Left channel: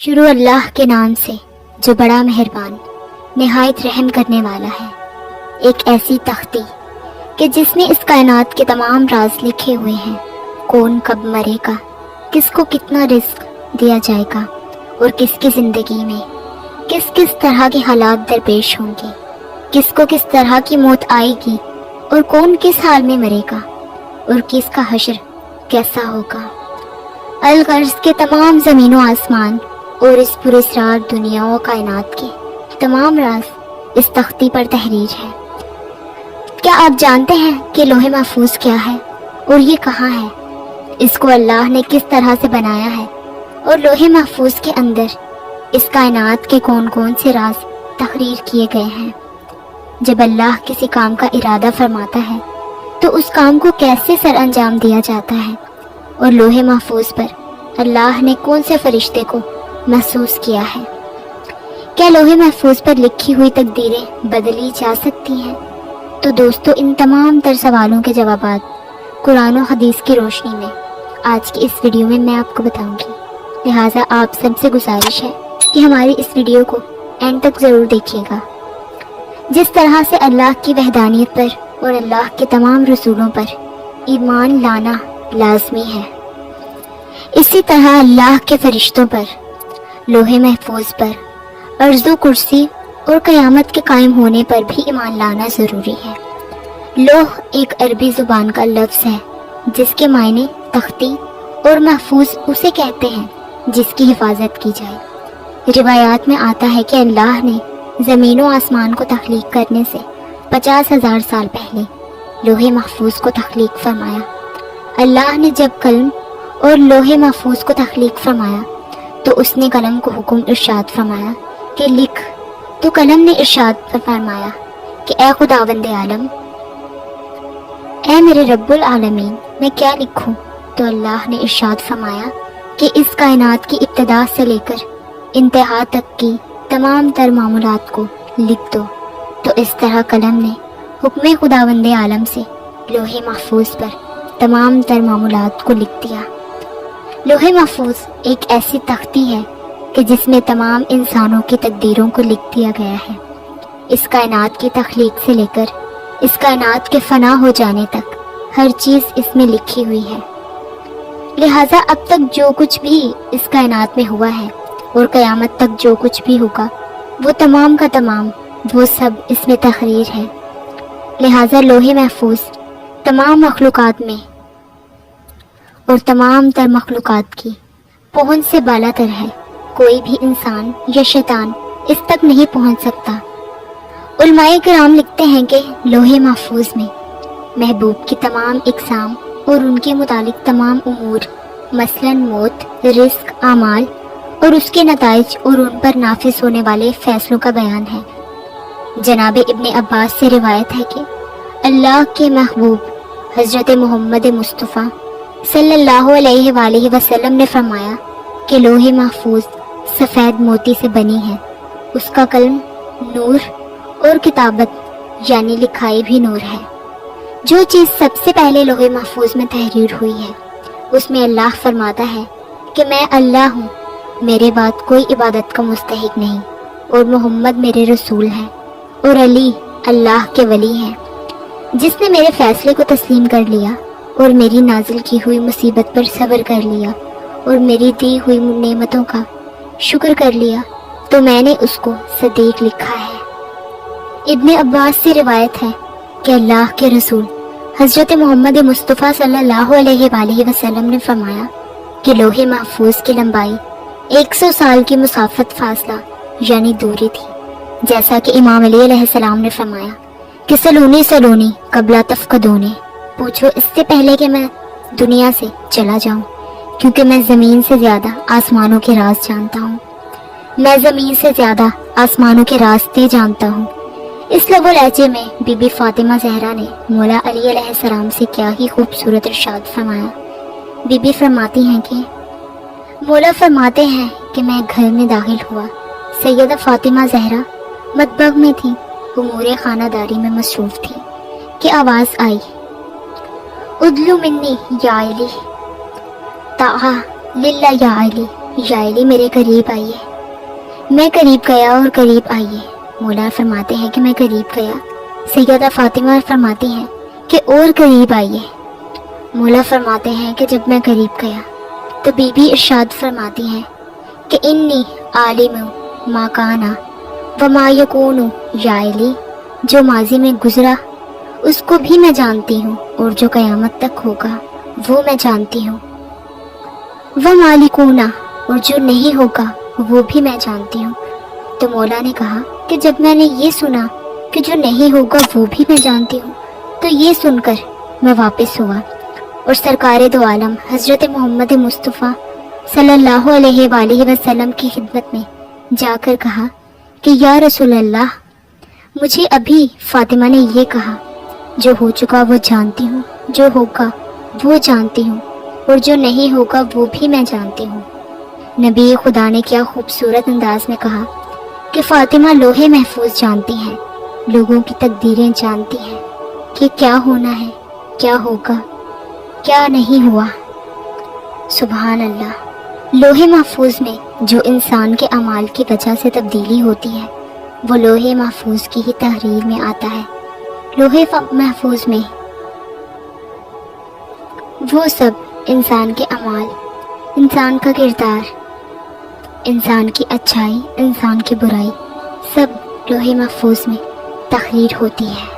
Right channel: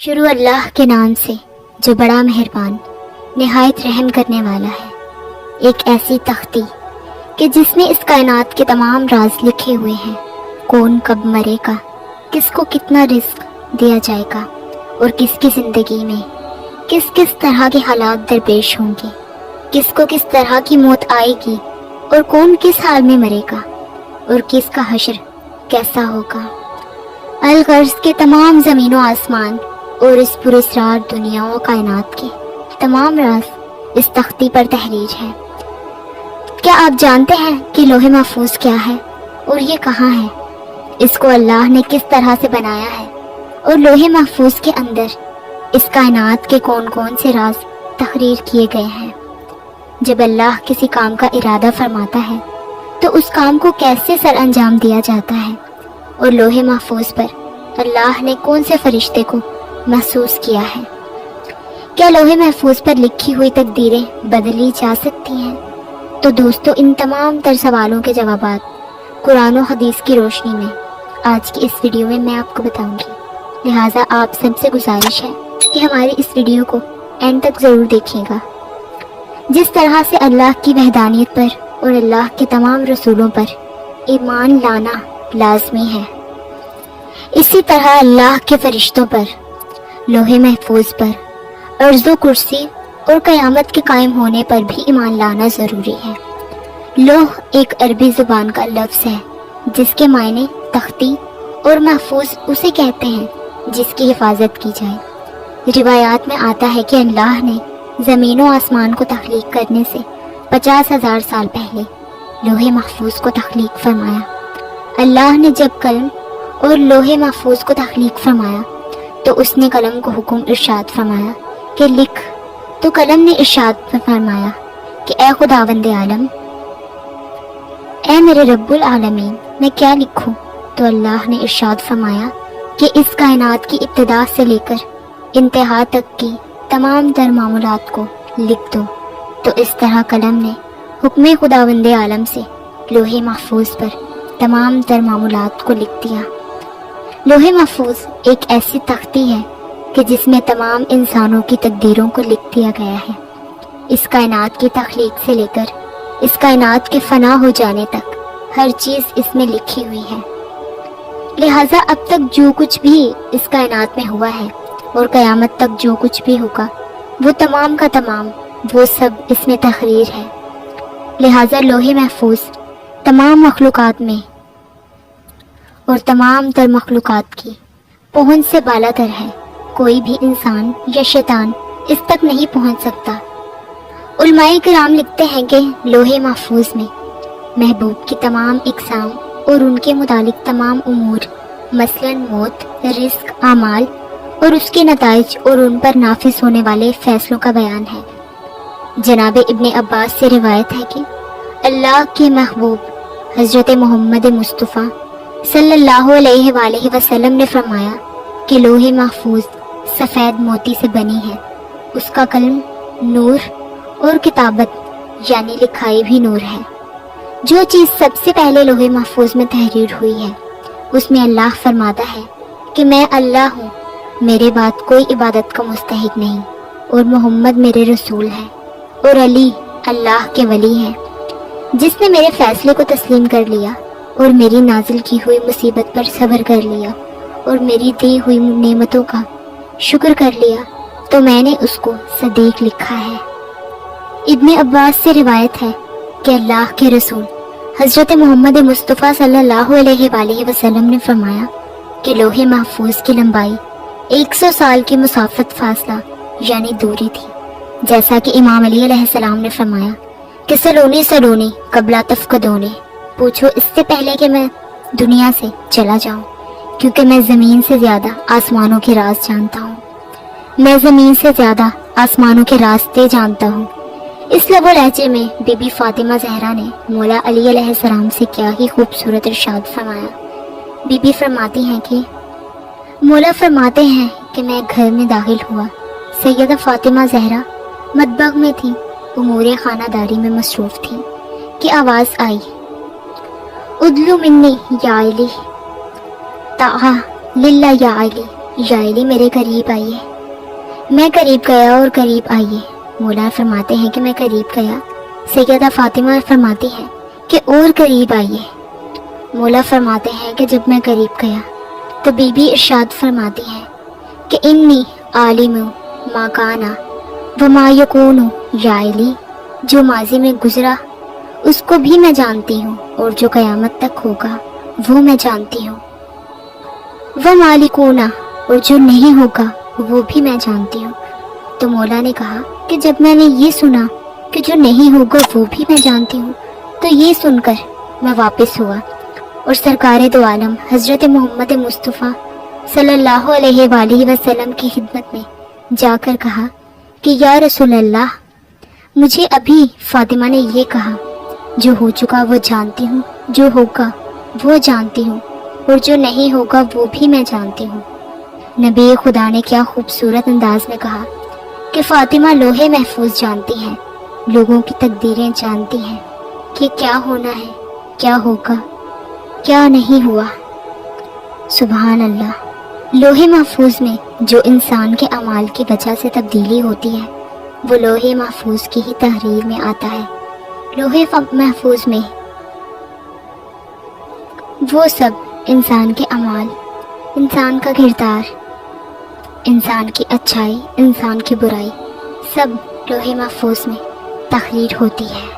شروع اللہ کے نام سے جو بڑا مہربان نہایت رحم کرنے والا ہے۔ ایک ایسی تختی کہ جس میں اس کائنات کے تمام راز لکھے ہوئے ہیں۔ کون کب مرے گا، کس کو کتنا رزق دیا جائے گا، اور کس کی زندگی میں کس کس طرح کے حالات درپیش ہوں گے، کس کو کس طرح کی موت آئے گی، اور کون کس حال میں مرے گا، اور کس کا حشر کیسا ہوگا۔ الغرض کے تمام زمین و آسمان اور اس پراسرار دنیا و کائنات کے تمام راز اس تختی پر تحریر ہے۔ کیا آپ جانتے ہیں کہ لوح محفوظ کیا ہے اور یہ کہاں ہے؟ اس کو اللہ نے کس طرح سے بنایا ہے، اور لوح محفوظ کے اندر اس کائنات کے کون کون سے راز تحریر کیے گئے ہیں۔ جب اللہ کسی کام کا ارادہ فرماتا ہے تو اس کام کو کیسے سر انجام دیا جاتا ہے، اور لوح محفوظ پر اللہ نے کون سے فرشتے کو محسوس کیا ہے۔ کیا لوح محفوظ پر لکھی ہوئی تقدیریں بدلی جا سکتی ہیں؟ تو دوستو، ان تمام تر سوالوں کے جوابات قرآن و حدیث کی روشنی میں آج کی اس ویڈیو میں آپ کو بتاؤں گی۔ لہٰذا آپ سب سے گزارش ہے کہ ہماری اس ویڈیو کو اینڈ تک ضرور دیکھیے گا۔ جس طرح سے اللہ کی وحدانیت پر اور اللہ کے تمام رسولوں پر ایمان لانا لازمی ہے، اسی طرح اللہ کے فرشتوں پر، لوح محفوظ پر، عرض و کرسی اور قیامت کے قائم ہونے پر بھی ایمان لانا ضروری ہے۔ لوح ایک عربی زبان کا لفظ ہے جس کے معنی تختی اور محفوظ اسے کہتے ہیں جس کی حفاظت کی جائے۔ روایات میں آتا ہے کہ اللہ نے زمین و آسمان کو تخلیق کرنے سے 50,000 سال پہلے لوح محفوظ کو تخلیق فرمایا۔ اللہ نے جب قلم اور لوح محفوظ کو تخلیق فرمایا تو اس نے قلم کو حکم ارشاد فرمایا کہ لکھ، تو قلم نے ارشاد فرمایا کہ اے خداوند عالم، اے میرے رب العالمین، میں کیا لکھوں؟ تو اللہ نے ارشاد فرمایا کہ اس کائنات کی ابتدا سے لے کر انتہا تک کی تمام تر معمولات کو لکھ دو۔ تو اس طرح قلم نے حکم خداوند عالم سے لوح محفوظ پر تمام تر معمولات کو لکھ دیا۔ لوح محفوظ ایک ایسی تختی ہے کہ جس میں تمام انسانوں کی تقدیروں کو لکھ دیا گیا ہے۔ اس کائنات کی تخلیق سے لے کر اس کائنات کے فنا ہو جانے تک ہر چیز اس میں لکھی ہوئی ہے۔ لہٰذا اب تک جو کچھ بھی اس کائنات میں ہوا ہے اور قیامت تک جو کچھ بھی ہوگا، وہ تمام کا تمام وہ سب اس میں تحریر ہے۔ لہٰذا لوح محفوظ تمام مخلوقات میں اور تمام تر مخلوقات کی پہنچ سے بالا تر ہے۔ کوئی بھی انسان یا شیطان اس تک نہیں پہنچ سکتا۔ علماء کرام لکھتے ہیں کہ لوح محفوظ میں محبوب کی تمام اقسام اور ان کے متعلق تمام امور، مثلا موت، رزق، اعمال اور اس کے نتائج اور ان پر نافذ ہونے والے فیصلوں کا بیان ہے۔ جناب ابن عباس سے روایت ہے کہ اللہ کے محبوب حضرت محمد مصطفیٰ صلی اللہ علیہ وآلہ وسلم نے فرمایا کہ لوح محفوظ سفید موتی سے بنی ہے، اس کا قلم نور اور کتابت یعنی لکھائی بھی نور ہے۔ جو چیز سب سے پہلے لوح محفوظ میں تحریر ہوئی ہے اس میں اللہ فرماتا ہے کہ میں اللہ ہوں، میرے بعد کوئی عبادت کا مستحق نہیں، اور محمد میرے رسول ہے، اور علی اللہ کے ولی ہیں۔ جس نے میرے فیصلے کو تسلیم کر لیا اور میری نازل کی ہوئی مصیبت پر صبر کر لیا اور میری دی ہوئی نعمتوں کا شکر کر لیا تو میں نے اس کو صدیق لکھا ہے۔ ابن عباس سے روایت ہے کہ اللہ کے رسول حضرت محمد مصطفیٰ صلی اللہ علیہ وآلہ وسلم نے فرمایا کہ لوح محفوظ کی لمبائی 100 سال کی مسافت فاصلہ یعنی دوری تھی، جیسا کہ امام علی علیہ السلام نے فرمایا کہ سلونی قبل تفقدونی، پوچھو اس سے پہلے کہ میں دنیا سے چلا جاؤں، کیونکہ میں زمین سے زیادہ آسمانوں کے راز جانتا ہوں، میں زمین سے زیادہ آسمانوں کے راستے جانتا ہوں۔ اس لب و لہجے میں بی بی فاطمہ زہرا نے مولا علی علیہ السلام سے کیا ہی خوبصورت ارشاد فرمایا۔ بی بی فرماتی ہیں کہ مولا فرماتے ہیں کہ میں گھر میں داخل ہوا، سیدہ فاطمہ زہرا مطبخ میں تھی، امور خانہ داری میں مصروف تھی کہ آواز آئی، ادلو منی یا علی، تعا للہ یا علی، یا علی میرے قریب آئیے۔ میں قریب گیا اور قریب آئیے۔ مولا فرماتے ہیں کہ میں قریب گیا۔ سیدہ فاطمہ فرماتی ہیں کہ اور قریب آئیے۔ مولا فرماتے ہیں کہ جب میں قریب گیا تو بی بی ارشاد فرماتی ہیں کہ انی عالم ما کانا وما یکون، یا علی جو ماضی میں گزرا اس کو بھی میں جانتی ہوں، اور جو قیامت تک ہوگا وہ میں جانتی ہوں، وہ مالکونا اور جو نہیں ہوگا وہ بھی میں جانتی ہوں۔ تو مولا نے کہا کہ جب میں نے یہ سنا کہ جو نہیں ہوگا وہ بھی میں جانتی ہوں، تو یہ سن کر میں واپس ہوا اور سرکار دو عالم حضرت محمد مصطفیٰ صلی اللہ علیہ وآلہ وسلم کی خدمت میں جا کر کہا کہ یا رسول اللہ، مجھے ابھی فاطمہ نے یہ کہا، جو ہو چکا وہ جانتی ہوں، جو ہوگا وہ جانتی ہوں، اور جو نہیں ہوگا وہ بھی میں جانتی ہوں۔ نبی خدا نے کیا خوبصورت انداز میں کہا کہ فاطمہ لوح محفوظ جانتی ہیں، لوگوں کی تقدیریں جانتی ہیں کہ کیا ہونا ہے، کیا ہوگا، کیا نہیں ہوا۔ سبحان اللہ۔ لوح محفوظ میں جو انسان کے اعمال کی وجہ سے تبدیلی ہوتی ہے وہ لوح محفوظ کی ہی تحریر میں آتا ہے۔ لوح محفوظ میں وہ سب انسان کے اعمال، انسان کا کردار، انسان کی اچھائی، انسان کی برائی، سب لوح محفوظ میں تحریر ہوتی ہے۔